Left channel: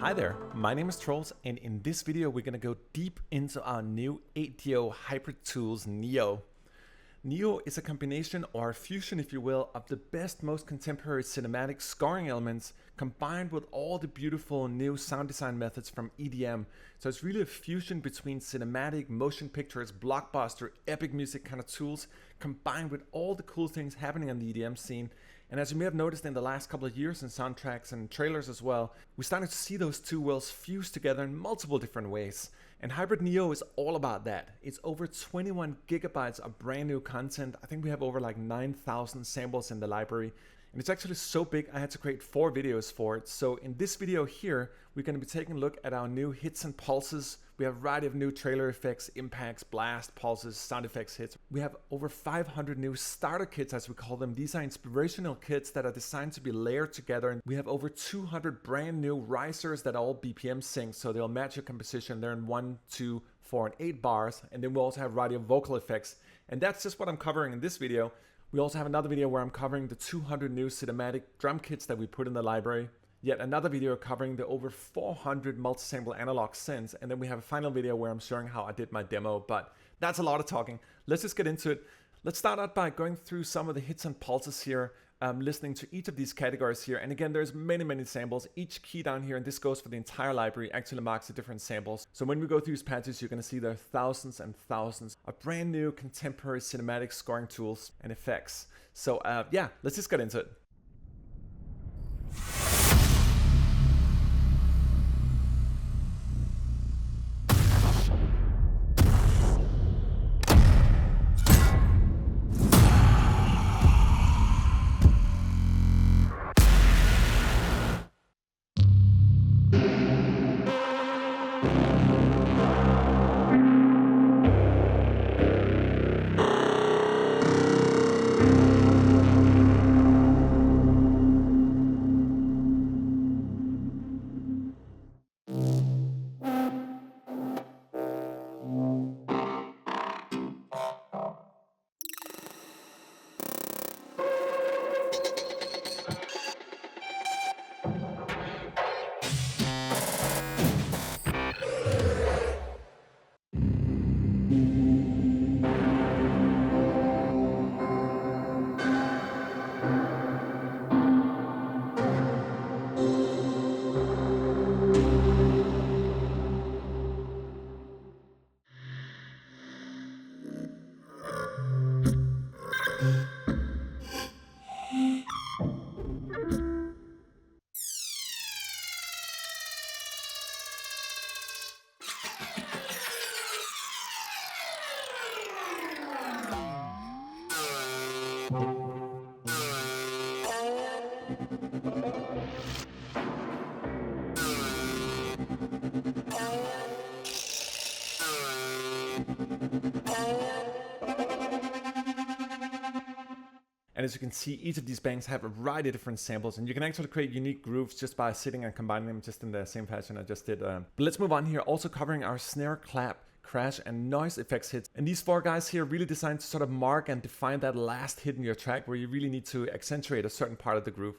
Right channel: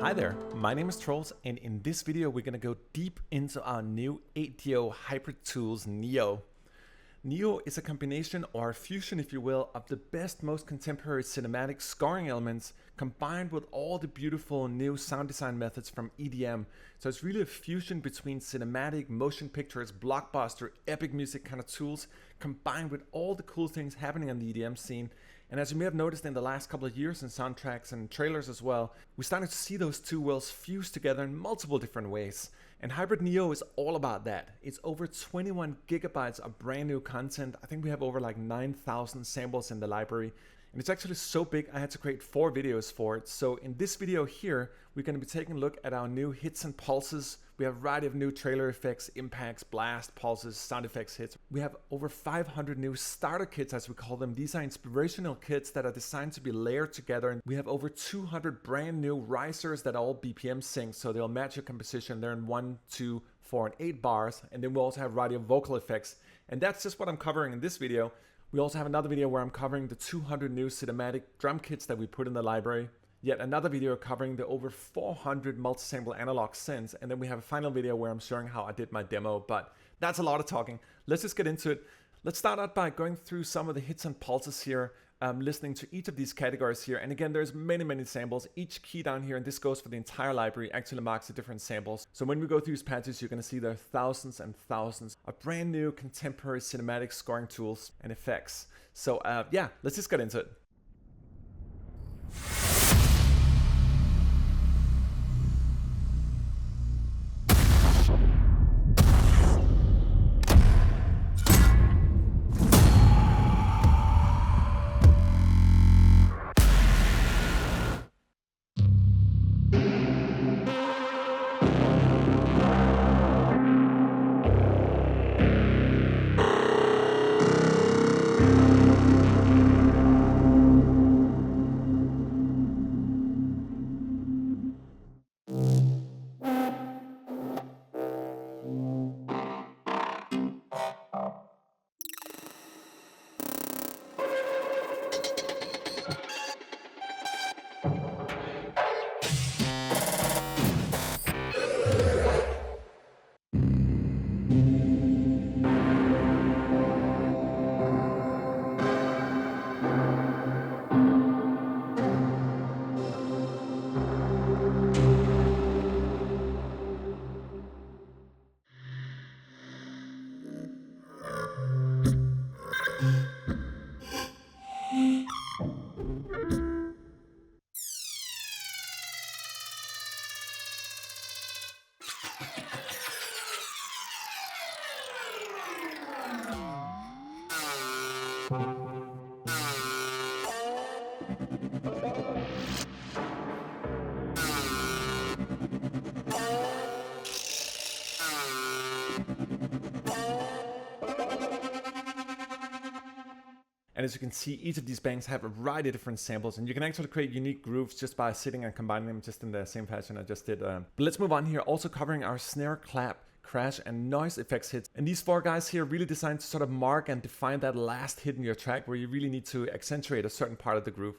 Hi there, my name is Troels, and in this video we're going to go deep into our new ADO Hybriid Tools NEO. NEO is a combination or a fusion, if you will, of the best, most contemporary cinematic scoring elements combined with all the beautiful new sound design methods from EDM. So it's really a fusion between cinematic, motion pictures, blockbuster, epic music kind of tools combined with all the cool things happening on the EDM scene. And as you may have noticed in the last couple of years in soundtracks and trailers as well, we're starting to see those two worlds fuse together in multiple different ways. And Hybriid NEO is all about that. It's over 21 gigabytes of brand new content. I think we have over like 9,000 samples in the library. And it's actually so big I had to create 4 videos for it. So in this video here, we're going to be taking a look at our new hits and pulses. We have a variety of new trailer effects, impacts, blast, pulses, sound effects hits. We have over 500 new starter kits, as we call them. These are inspirational kits that are designed to be layered together. And we have over 200 brand new risers that are all BPM-synced, so they'll match your composition. They're in 1, 2, 4, and 8 bars. And then we also have a variety of vocal effects. And that's just what I'm covering in this video. We also have another video where I'm covering the 200 new cinematic drum kits that we put in the library. Yet another video covering the over 400 multi-sample analog synths. And then we have a final video where I'm showing how I did my demo. But that's a lot of talking. Let's just get into it. Let's start out by going through some of the hits and pulses here, listening to each of these categories here. And again, there's many samples. Each key down here, and this goes for the entire library, actually marks the different samples. So when we go through these patches, you're going to see there are thousands and thousands of brand new contemporary cinematic scoring tools and effects. So yeah, let's just get into it. And as you can see, each of these banks have a variety of different samples, and you can actually create unique grooves just by sitting and combining them just in the same fashion I just did. But let's move on here, also covering our snare, clap, crash, and noise effects hits. And these 4 guys here are really designed to sort of mark and define that last hit in your track where you really need to accentuate a certain part of the groove.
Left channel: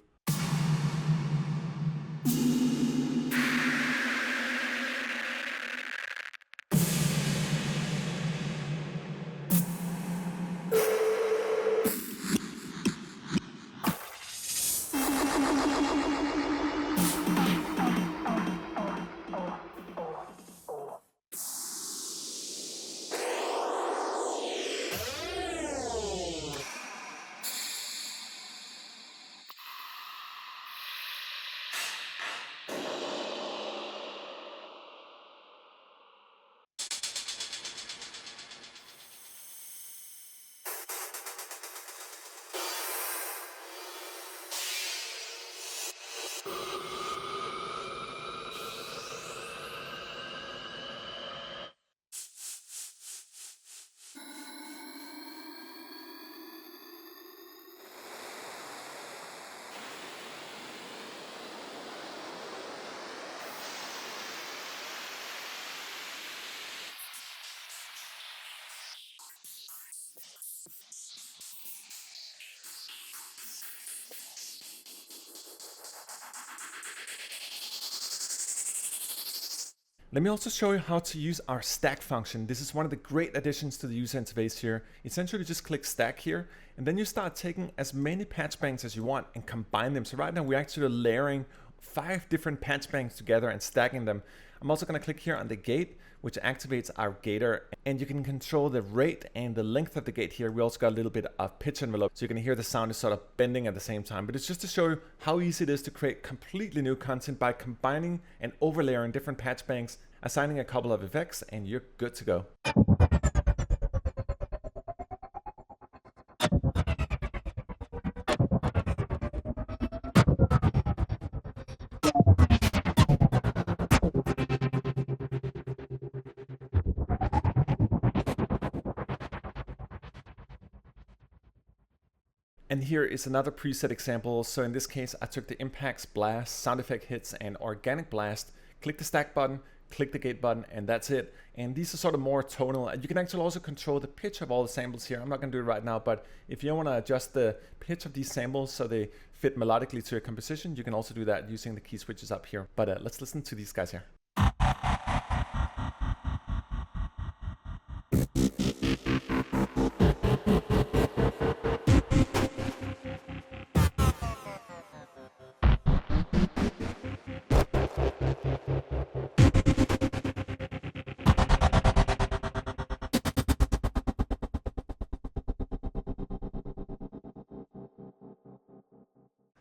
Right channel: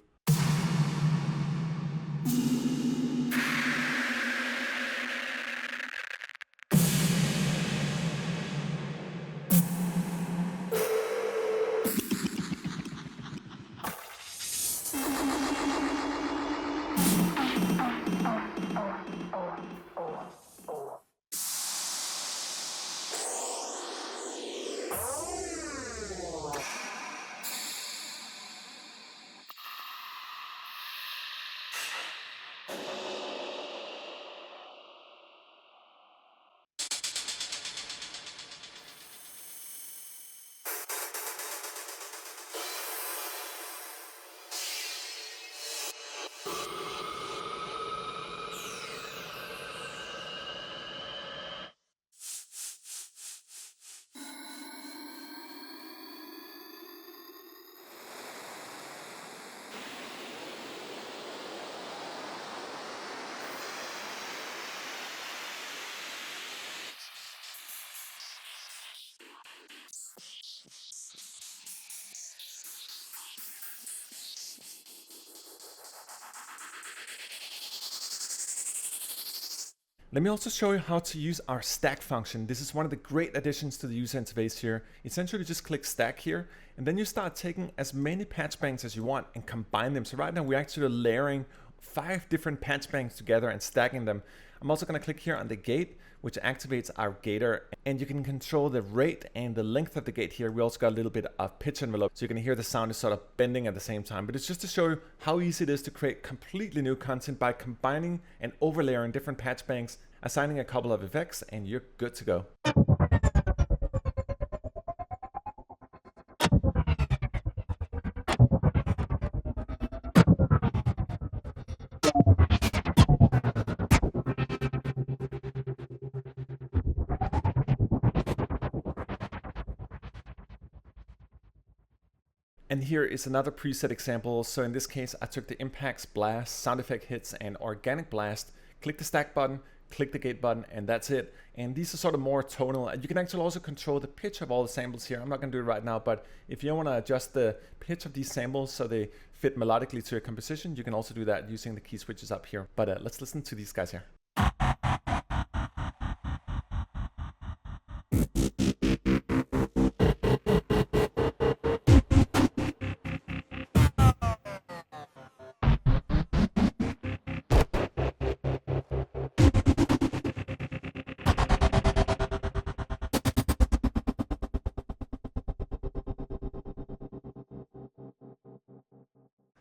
Let me also show you how to use our stack function. This is one of the great additions to the user interface here. Essentially just click stack here, and then you start taking as many patch banks as you want and combine them. So right now we're actually layering 5 different patch banks together and stacking them. I'm also going to click here on the gate, which activates our gator, and you can control the rate and the length of the gate here. We also got a little bit of pitch envelope, so you can hear the sound is sort of bending at the same time. But it's just to show you how easy it is to create completely new content by combining and overlaying different patch banks, assigning a couple of effects, and you're good to go. And here is another preset example. So in this case, I took the impacts, blast, sound effect hits, and organic blast, click the stack button, click the gate button, and that's it. And these are sort of more tonal. You can actually also control the pitch of all the samples here. I'm not gonna do it right now, but if you want to adjust the pitch of these samples so they fit melodically to your composition, you can also do that using the key switches up here. But let's listen to these guys here.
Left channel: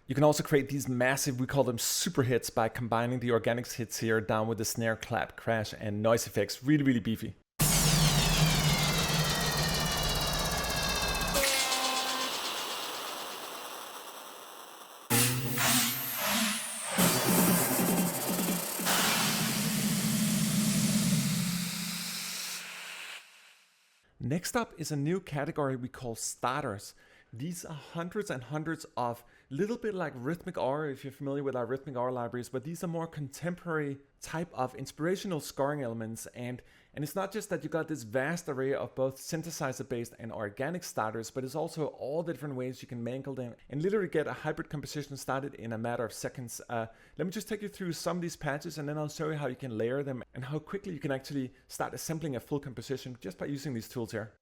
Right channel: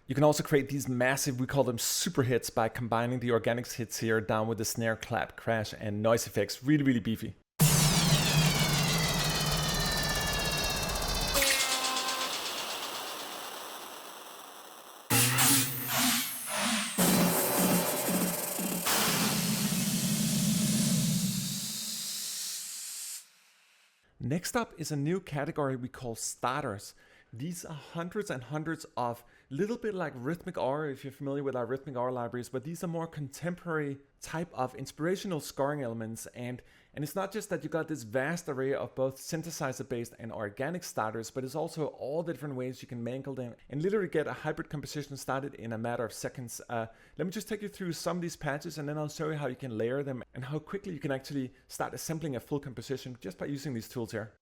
You can also create these massive, we call them super hits, by combining the organics hits here down with the snare, clap, crash, and noise effects. Really, really beefy. Next up is a new category we call starters. These are hundreds and hundreds of little bit like Rhythmic R, if you're familiar with our Rhythmic R libraries, but these are more contemporary type of inspirational scoring elements. And it's not just that you got this vast array of both synthesizer based and organic starters, but it's also all the different ways you can mangle them and literally get a hybrid composition started in a matter of seconds. Let me just take you through some of these patches, and then I'll show you how you can layer them and how quickly you can actually start assembling a full composition just by using these tools here.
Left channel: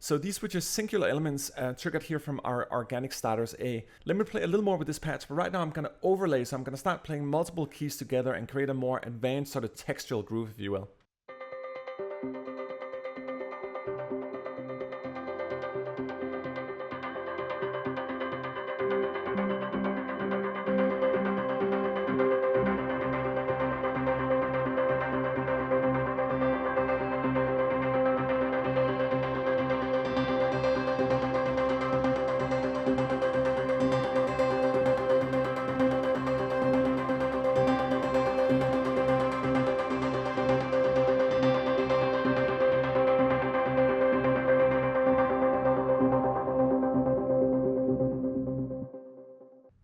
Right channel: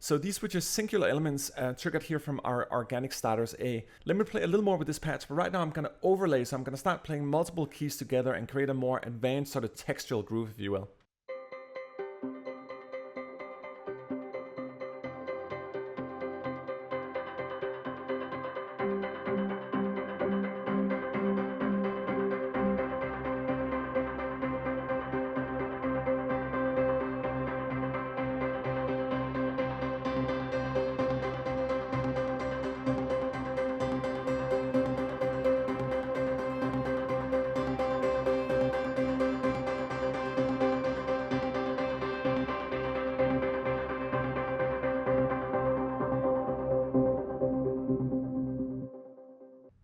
So these were just singular elements triggered here from our organic starters A. Let me play a little more with this patch, but right now I'm going to overlay, so I'm going to start playing multiple keys together and create a more advanced sort of textural groove, if you will.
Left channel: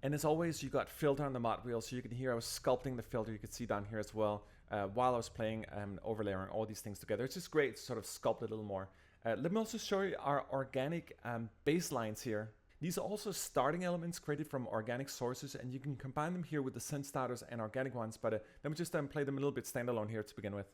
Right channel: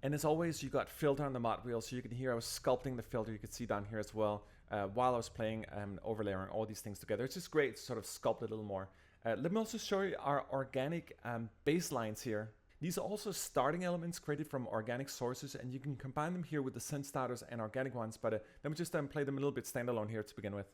And as always, you got filter on the mod wheel, so you can hear I was sculpting the filter. You can see down here as well while I was playing and overlaying all these things together. It's just great to sort of sculpt it a little more. Let me also show you our organic bass lines here. These are also starting elements created from organic sources, and you can combine them here with the synth starters and organic ones. But let me just play them a little bit standalone here to begin with.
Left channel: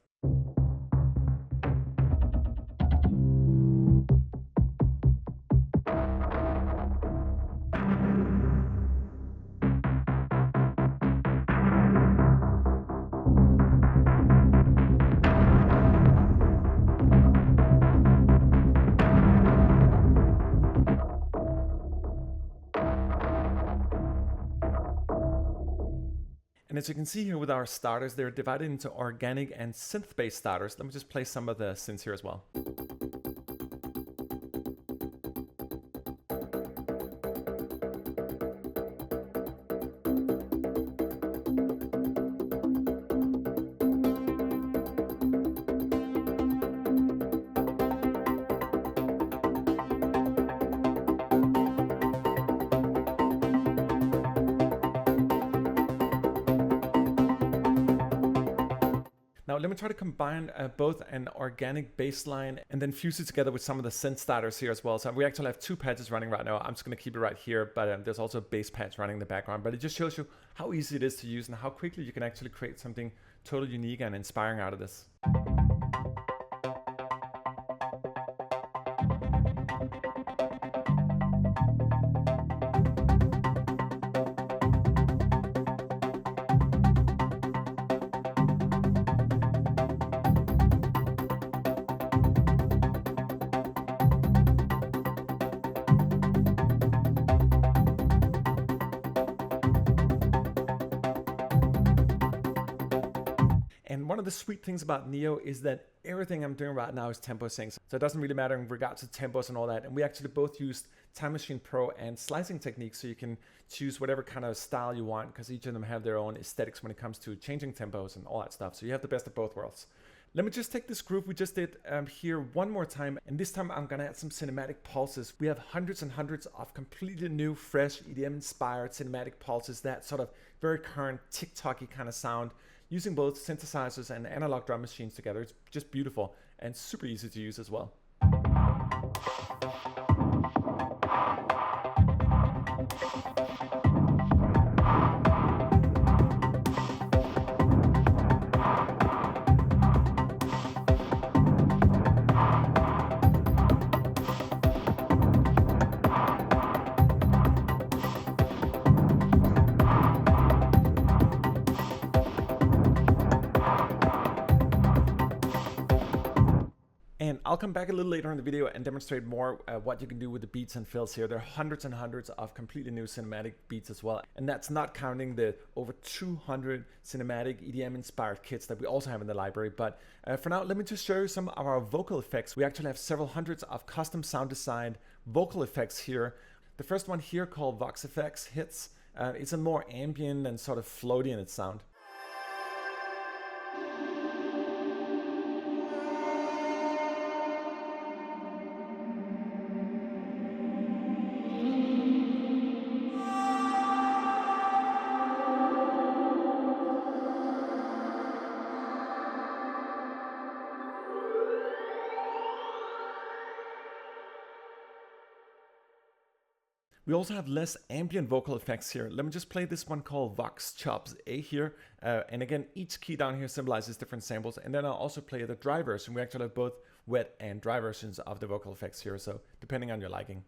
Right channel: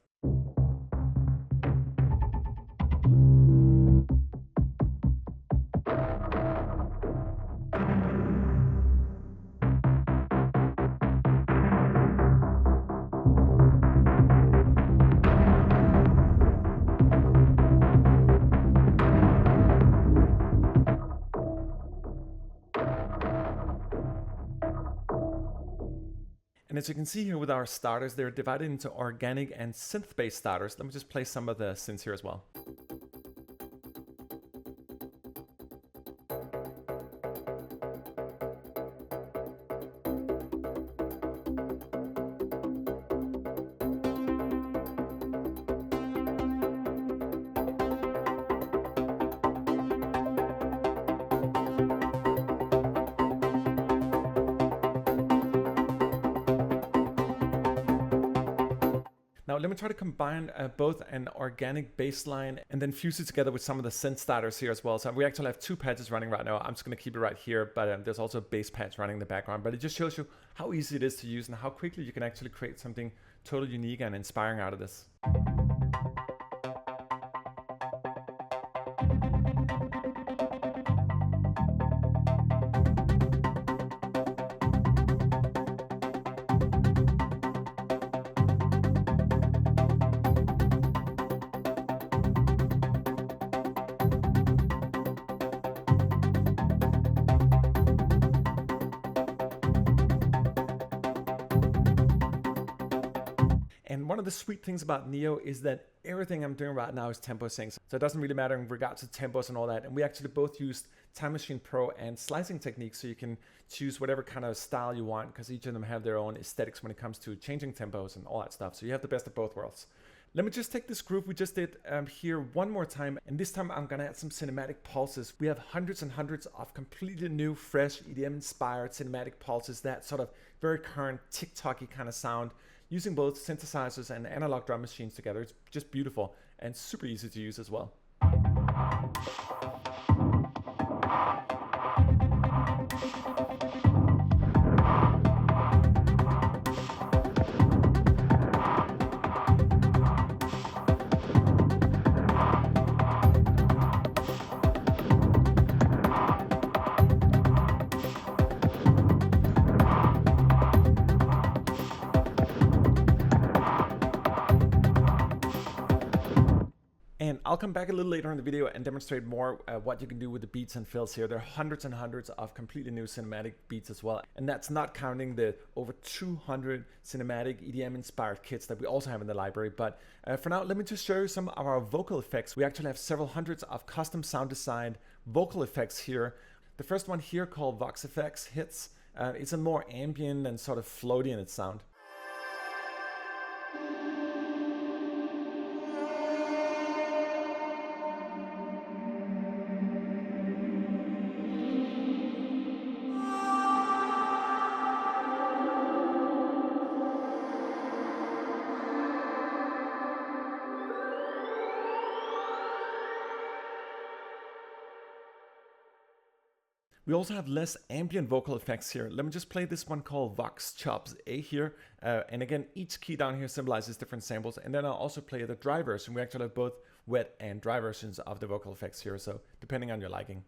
And as you can see here with our starters, they're divided into organic and synth-based starters. Let me just play some of the synths here as well. Now let me try to combine both an organic bass line and then fuse it together with some of the synth starters here as well. So we actually have two patches running right now. I'm just going to keep it right here, but there's also a bass patch running in the background. But it just shows you how easy it is to use and how quickly you can actually create something totally unique and inspiring out of this. And one of the sweet things about Neo is that everything I'm doing right now is tempo synced. So it doesn't really matter in regards to tempos and all that. And we actually both used Time Machine Pro and slicing techniques, so you can choose whatever kind of style you want, because each of them have their own aesthetics when it comes to changing tempos and all that stuff. So you have the best of both worlds. Let me just take this groove we just did here one more time, and this time I'm gonna add some cinematic pulses. We have hundreds and hundreds of completely new, fresh, EDM-inspired cinematic pulses, that sort of very current TikTok-y kind of sound, using both synthesizers and analog drum machines together. It's just beautiful and super easy to use as well. And I'll come back a little later in the video and demonstrate more what you can do with the beats and fills here. There are hundreds and hundreds of completely new cinematic beats as well. And that's not counting the over 200 cinematic EDM inspired kits that we also have in the library. But for now, let me just show you some of our vocal effects. We actually have several hundreds of custom sound designed vocal effects here. The first one here, called Vox Effects Hits, it's a more ambient and sort of floaty in its sound. We also have less ambient vocal effects here. Let me just play this one called Vox Chops A here. And again, each key down here symbolizes different samples. And then I'll also play the dry version. We actually have both wet and dry versions of the vocal effects here, so depending on your liking.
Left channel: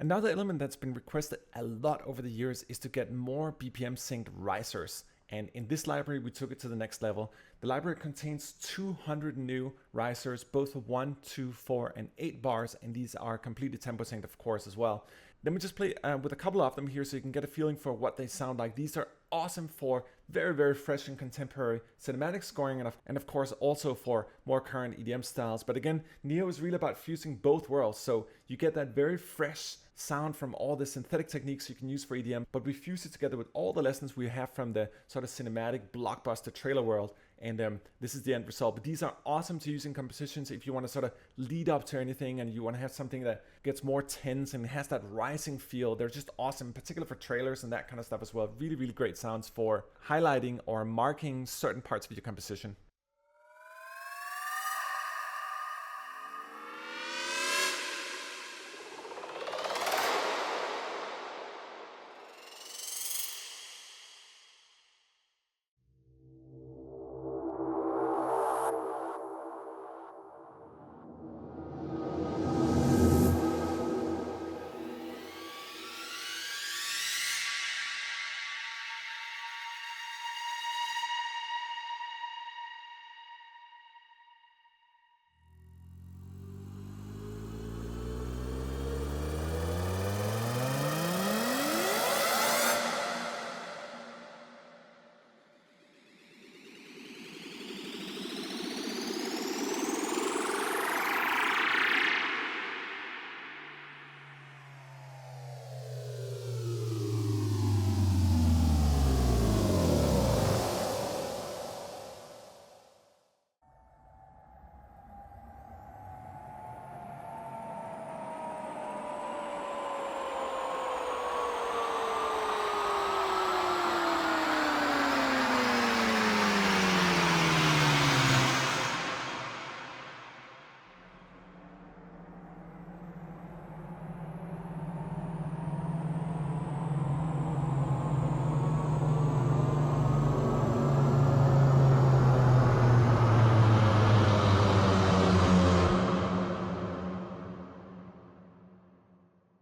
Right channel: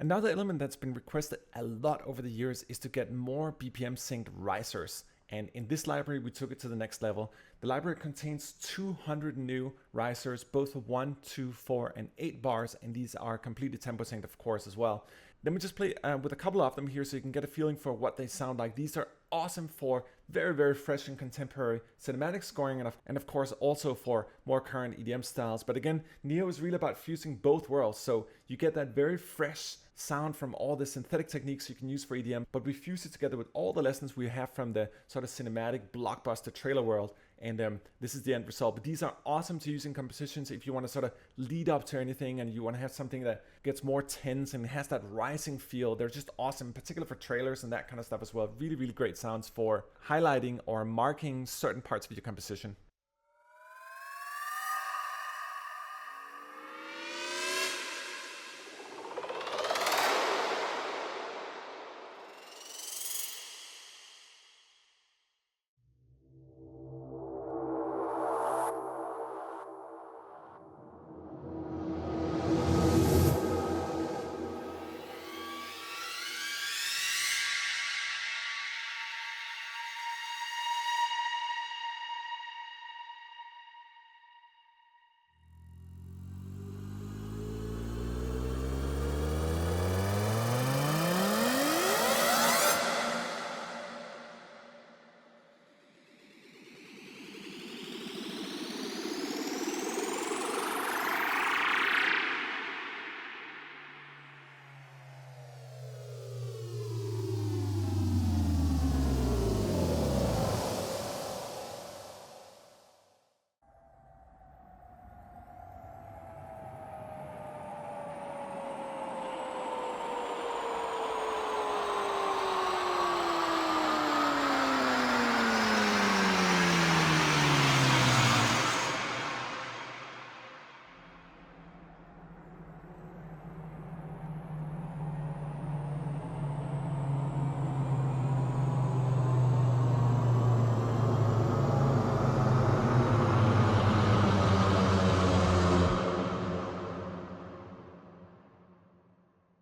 Another element that's been requested a lot over the years is to get more BPM-synced risers. And in this library, we took it to the next level. The library contains 200 new risers, both 1, 2, 4, and 8 bars, and these are completely tempo synced, of course, as well. Let me just play with a couple of them here so you can get a feeling for what they sound like. These are awesome for very, very fresh and contemporary cinematic scoring, and of course also for more current EDM styles. But again, Neo is really about fusing both worlds, so you get that very fresh sound from all the synthetic techniques you can use for EDM, but we fuse it together with all the lessons we have from the sort of cinematic blockbuster trailer world, and this is the end result. But these are awesome to use in compositions if you want to sort of lead up to anything and you want to have something that gets more tense and has that rising feel. They're just awesome, particularly for trailers and that kind of stuff as well. Really, really great sounds for highlighting or marking certain parts of your composition.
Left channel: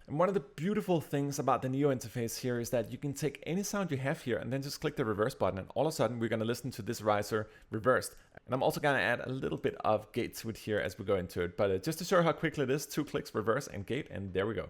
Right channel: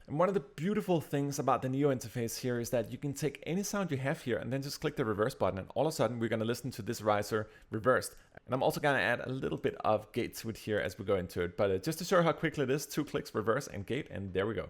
And one of the beautiful things about the NEO interface here is that you can take any sound you have here and then just click the reverse button, and all of a sudden we're going to listen to this riser reversed. And I'm also going to add a little bit of gate to it here as we go into it. But just to show how quickly it is, 2 clicks, reverse and gate, and there we go.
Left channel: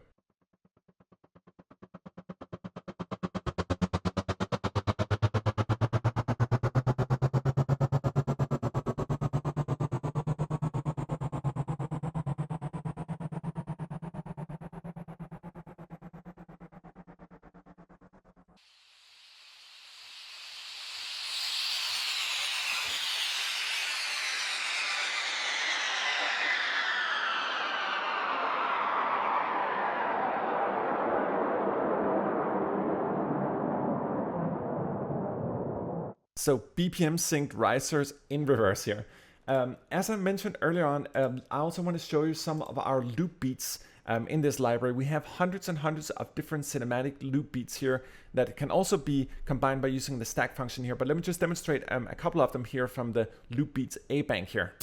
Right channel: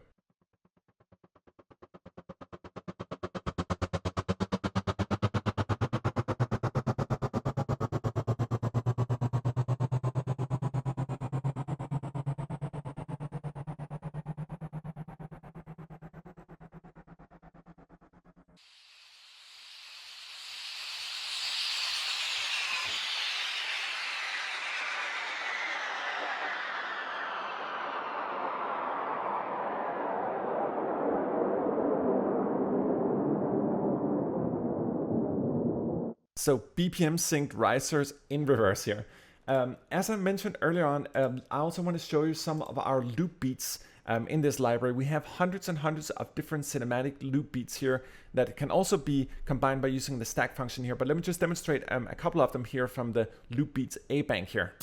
So BPM-synced risers in reverse here. As I mentioned earlier on, I also want to show you some of our loop beats in this library. We have hundreds and hundreds of different cinematic loop beats here that can also be combined by using the stack function here. But let me just demonstrate a couple of them here from the loop beats A bank here.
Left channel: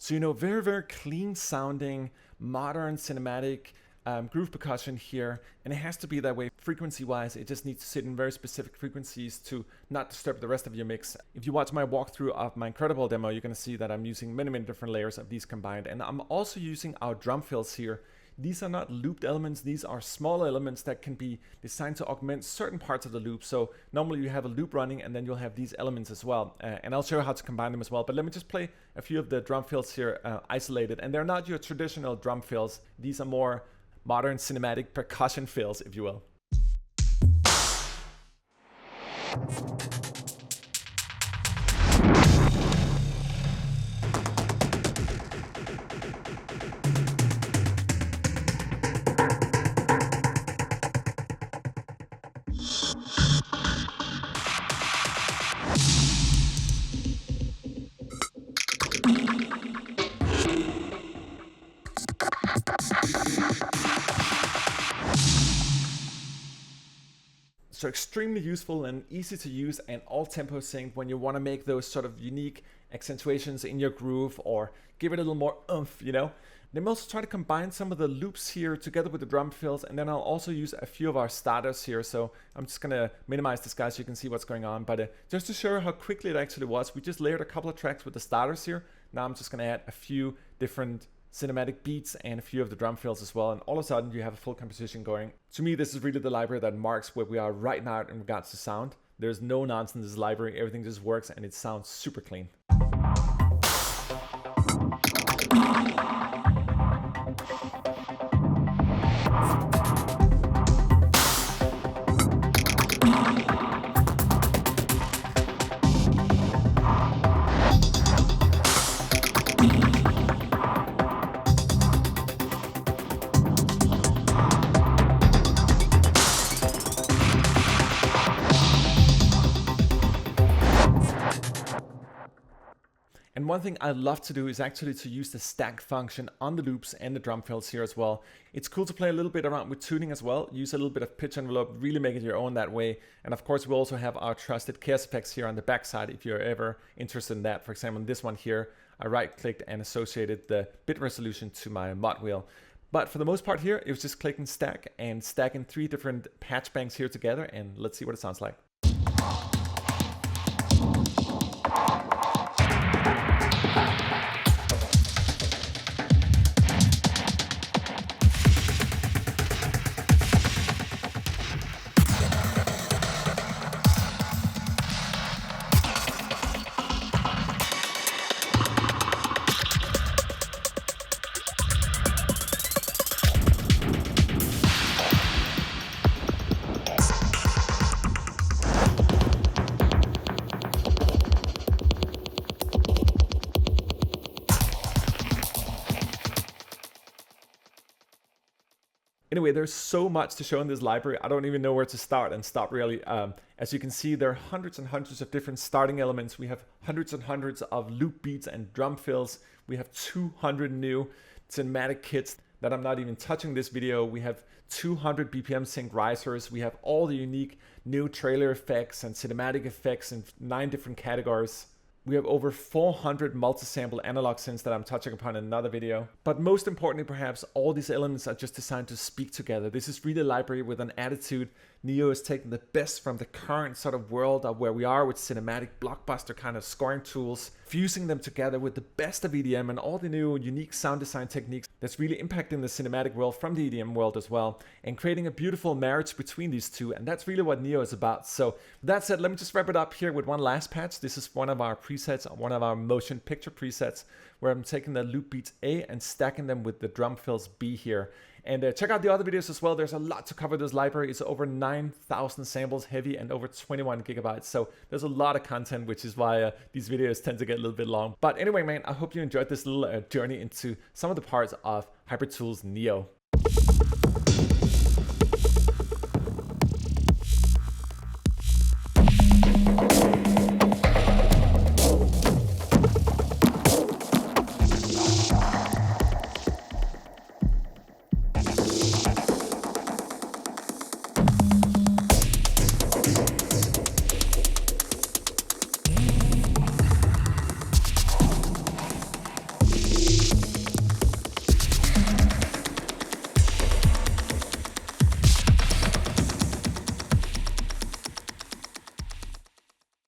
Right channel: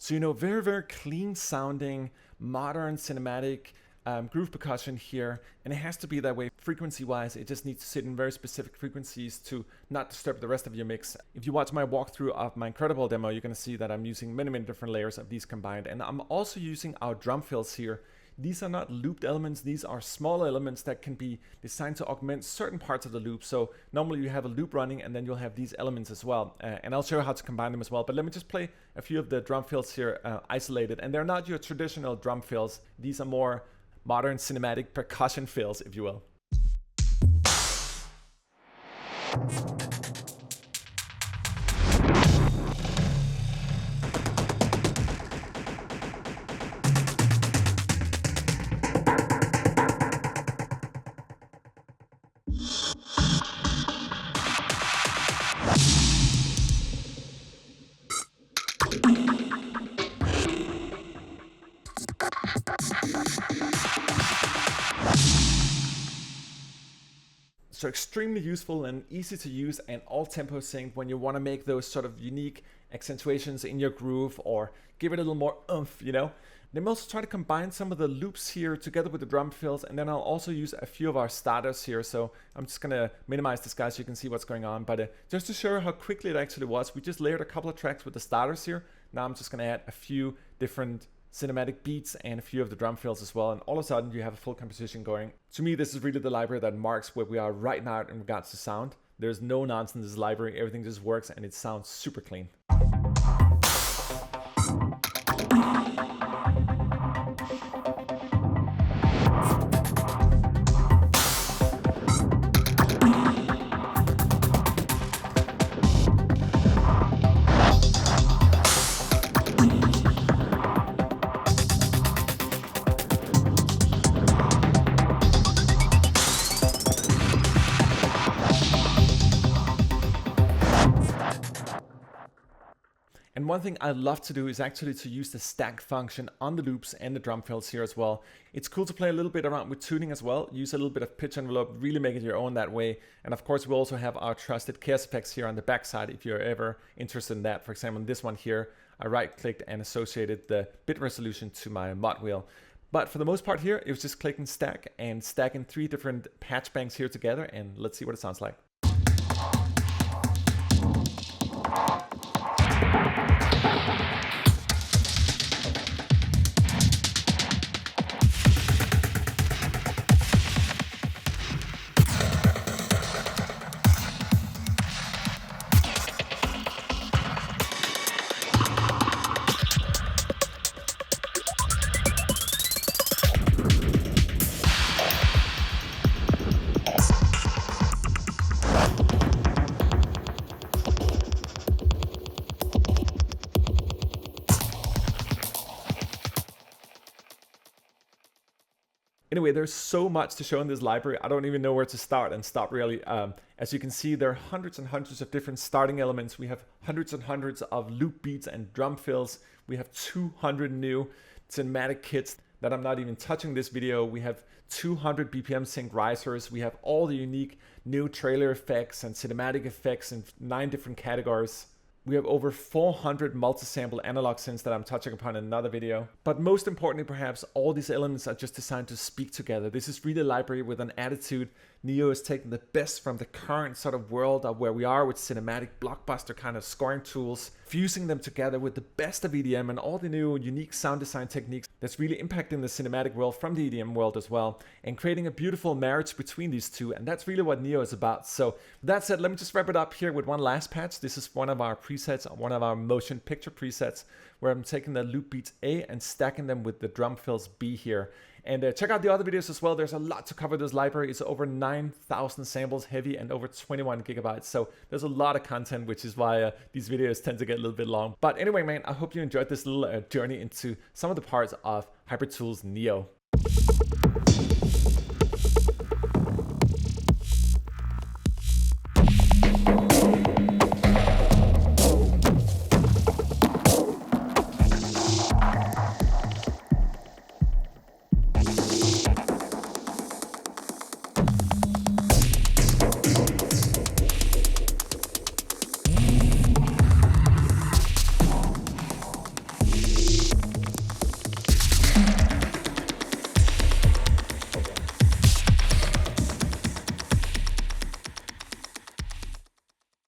So, very, very clean sounding, modern cinematic groove percussion here. And it has to be that way frequency wise. It just needs to sit in very specific frequencies to not disturb the rest of your mix. If you watch my walkthrough of my Incredible demo, you're going to see that I'm using many, many different layers of these combined. And I'm also using our drum fills here. These are not looped elements. These are small elements that can be designed to augment certain parts of the loop. So normally you have a loop running and then you'll have these elements as well. And I'll show you how to combine them as well. But let me just play a few of the drum fills here isolated. And they're not your traditional drum fills. These are more modern cinematic percussion fills, if you will. So extremely useful and easy to use and all tempo synced when you want to make those sort of unique accentuations in your groove or give it a little more oomph, you know. Then we'll also try to combine some of the loops here together with the drum fills, and then I'll also use a few of our starters here. So I'm just going to minimize this guy so you can see what's going on. But just to show how quickly it actually was, we just layered a couple of tracks with the starters here. Now I'm just going to add a few different cinematic beats and a few of the drum fills as well, and all of a sudden you have a full composition going. To me, this is really the library that marks where we are right now in regards to sound. There's no nonsense in this library, everything just works and it sounds super clean. And one thing I love to do is actually to use the stack function on the loops and the drum fills here as well. It's cool to play a little bit around with tuning as well, use a little bit of pitch envelope, really make it your own that way. And of course, we also have our trusted chaos effects here on the backside if you're ever interested in that. For example, in this one here, I right-clicked and associated the bit resolution to my mod wheel. But for the most part here, it was just clicking stack and stacking 3 different patch banks here together, and let's see what it sounds like. Anyway, there's so much to show in this library. I don't even know where to start and stop really. As you can see, there are hundreds and hundreds of different starting elements. We have hundreds and hundreds of loop beats and drum fills. We have 200 new cinematic kits that I'm not even touching this video. We have 200 BPM-synced risers. We have all the unique new trailer effects and cinematic effects in 9 different categories. We have over 400 multi-sample analog synths that I'm touching upon in another video. But most importantly, perhaps, all these elements are just designed to speak together. This is really a library with an attitude. NEO is taking the best from the current sort of world of where we are with cinematic blockbuster kind of scoring tools, fusing them together with the best of EDM and all the new unique sound design techniques that's really impacting the cinematic world from the EDM world as well, and creating a beautiful marriage between these two. And that's really what NEO is about. So with that said, let me just wrap it up here with one last patch. This is one of our presets, one of our motion picture presets, where I'm taking the loop beats A and stacking them with the drum fills B here. And check out the other videos as well. There's a lot to cover this library. It's over 9,000 samples heavy and over 21 gigabytes. So there's a lot of content, which is why these videos tend to get a little bit long. But anyway, man, I hope you enjoyed this little journey into some of the parts of Hybriid Tools NEO.